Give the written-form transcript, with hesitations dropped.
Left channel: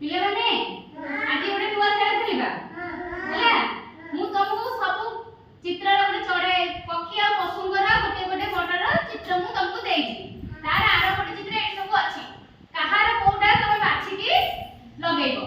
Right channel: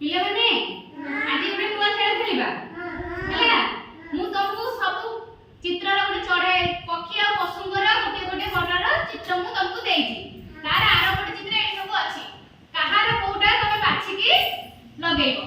ପିଲାମାନେ ଆଜି ଗୋଟେ ନୂଆ ଖେଳ ଖେଳିବା ହେଲା। ମୁଁ ତମକୁ ସବୁ ଚିତ୍ରର ଗୋଟେ ଚଢେ ପକ୍ଷୀ ଆଉ ପଶୁଙ୍କର ଗୋଟିଏ ଗୋଟିଏ ବର୍ଣ୍ଣର ଚିତ୍ର ମୁଁ ତମକୁ ଦେଇଛି। ତାର ଆର ଗୋଟେ ଚିତ୍ର ଏଠି ସବୁ ଅଛି। କାହାର କୋଉଟା ତମେ ବାଛିକି ଲଗେଇବ।